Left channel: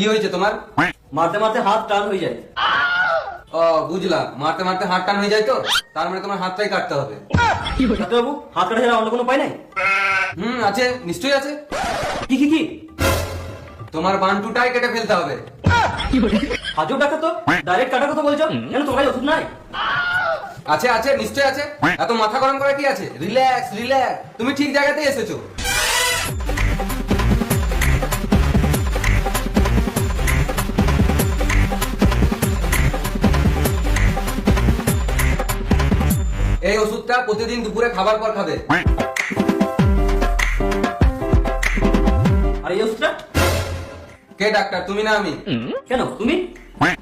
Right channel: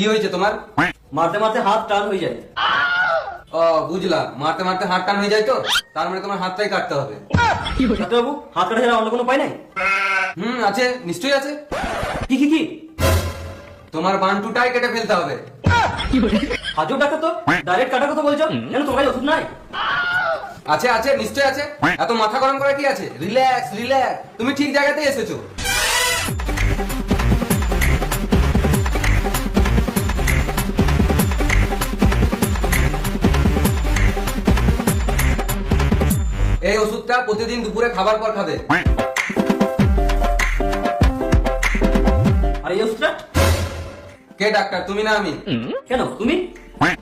কি হয়েছে তোমার? মারতে মারতে হাত টান হয়ে যায়। ও বুঝলা, মারতে মারতে হাত টান হয়ে যায় তো, তার মানে তোমার হাতটাই কাটতে হবে। ডাক্তারবাবু, হাত কাটা ছাড়া অন্য কোনো উপায় নাই? আছে, নিশ্চয়ই আছে। কি কি কি? তোমার বান্টুটাই কেটে ফেলতে হবে। হাজব ডাক্তার তো ডাইরেক্ট কাটার কথা বলছো, কেন তোমার ওষুধ নাই? আছে আছে, নিশ্চয়ই আছে। এত মাথা গরম করে কি আছে? রিল্যাক্স রিল্যাক্স, তুমি ঠিক জায়গাতেই এসেছো। এই ওষুধটা প্রতিদিন দুপুরে খাবার পর খাবে। আর এই ওষুধটা? কে ডাক্তার, তুমি না আমি? কেন তুমি?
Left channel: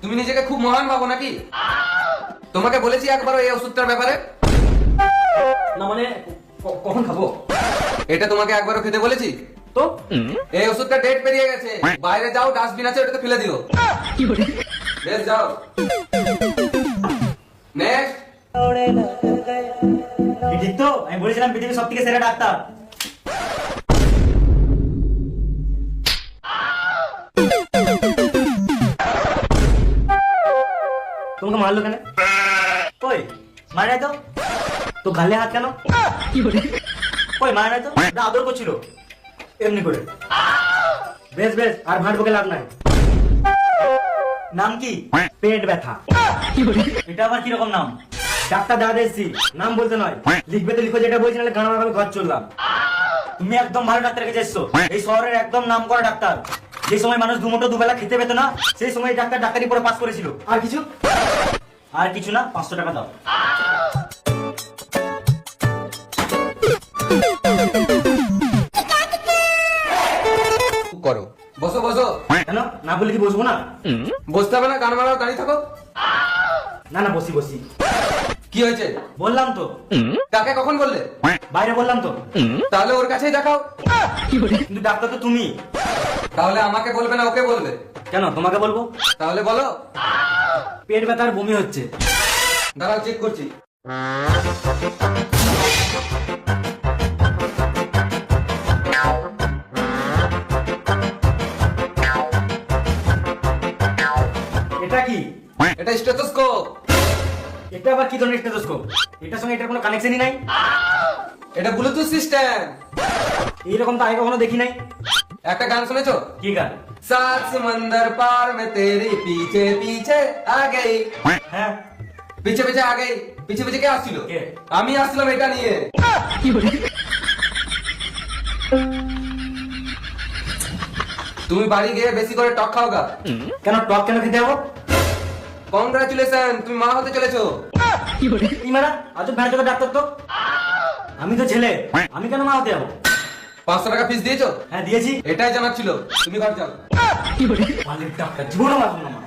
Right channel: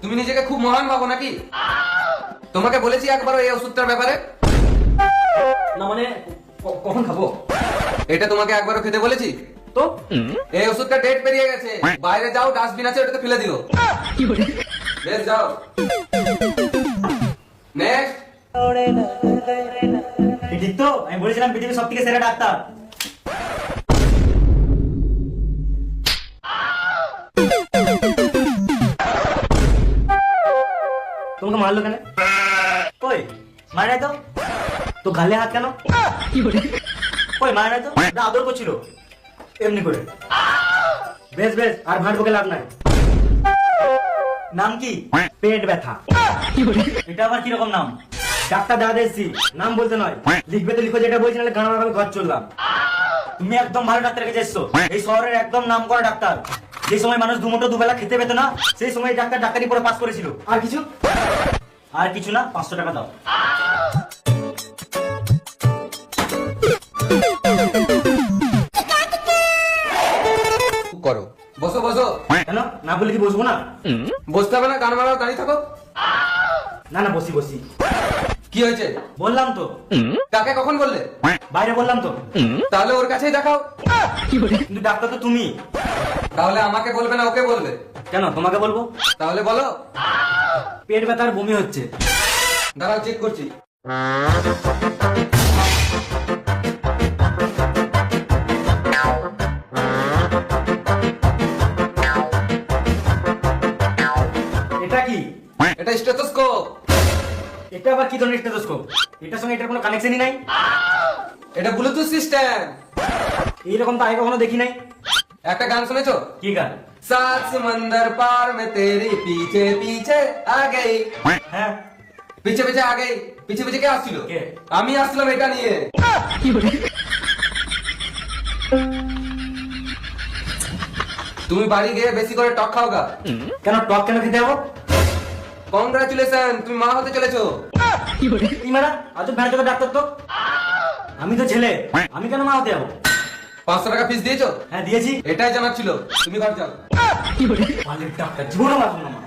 তুমি নিজেকে খুব মহান ভাবো নাকি? তোমাকে বলেছি একবারও এই ওষুধটার ব্যাপারে? না মানে এটা তোমাকে একবারও খেতে বলেছি? তো এই ওষুধটা ডেট পেরিয়ে গেছে, বাইরে যাও, ডাস্টবিন আছে, ওটাতে ফেলে দিও। বেশ যাও। নেক্সট। ঠিক তো, আমি বলেছিলাম পৃথিবীর সব থেকে সেরা ডাক্তার। তোমাকে মারলো কেন? কই মারে নাই তো? তো গালে হাত কেন? কই মারে নাই তো? না আদর করছিল এমনি করে। বেশ বেশ, আর ভাত বকে লাভ নাই। নাম কি? পেট ব্যথা। এটা আবার কিরকম নাম? ডাক্তার যা দিয়েছি নাম বলতে নয়, লিখবে তো লিখো, যেটা বলছি নাহলে কারণ আমি ঘর চললাম। তুমি একদম ভালো ডাক্তার কাছে এসছো, এই শহরের একদম নাম করা ডাক্তার। যে সময় মানুষ দুমুঠো দুবেলা খেতে পেত না, সেই সময় ডাক্তার ডাক্তারি পড়ে পাস করেছিল। আর কিছু? আর কিছু না, 500 টাকা দাও। করো, বসো বসো। কেন না বলে কি বসবো না? বসতে হবে না, কান মারাও, দাঁড়িয়ে থাকো। না না, বসি বসি। কি হয়েছে? বললাম তো। কাকে কখন বললে? বাইরে বললাম তো। তাহলে ওর কাছেই দেখাও। কিন্তু ডাক্তার তো তুমি। তাহলে আমাকে বলবে না, ওকে বলবে? কেন তোমাকে বলবো? তাহলে বলো। পেট ব্যথার বমি হচ্ছে। দাঁড়াও, চেক করছি। এটা কি? এটা স্টেথোস্কোপ। এটা আবার কি ধরনের স্টেথোস্কোপ? এটার সঙ্গে এটার কোনো কানেকশনই নাই। এটা ব্লুটুথ সিস্টেম। এইরকম তো আগে কখনো দেখি নাই। একটা গান শুনেছো? কি গান? सात समंदर पार में तेरी पीछे पीछे आ गई। হ্যাঁ पीछे पीछे आ गई। पीछे पीछे কে আসছিল? কে? আমি আসছিলাম এটা নিয়ে। তুমি বাড়ি গিয়ে বেশি করে টক খাও গা। কেন টক কেন খেতে যাবো? কংগ্রাচুলেশন, তুমি মা হতে চলেছো। কি মারা এত ভয় করে ডাক্তার তো? আমি তো ছেলে, আমি কেন মা হতে যাবো? 500 টাকা ফিস দিয়েছো? হ্যাঁ দিয়েছি। এটাই জানার ছিল, তুমি ঘর যাও। ডাক্তার জীবনে মারবো না মা।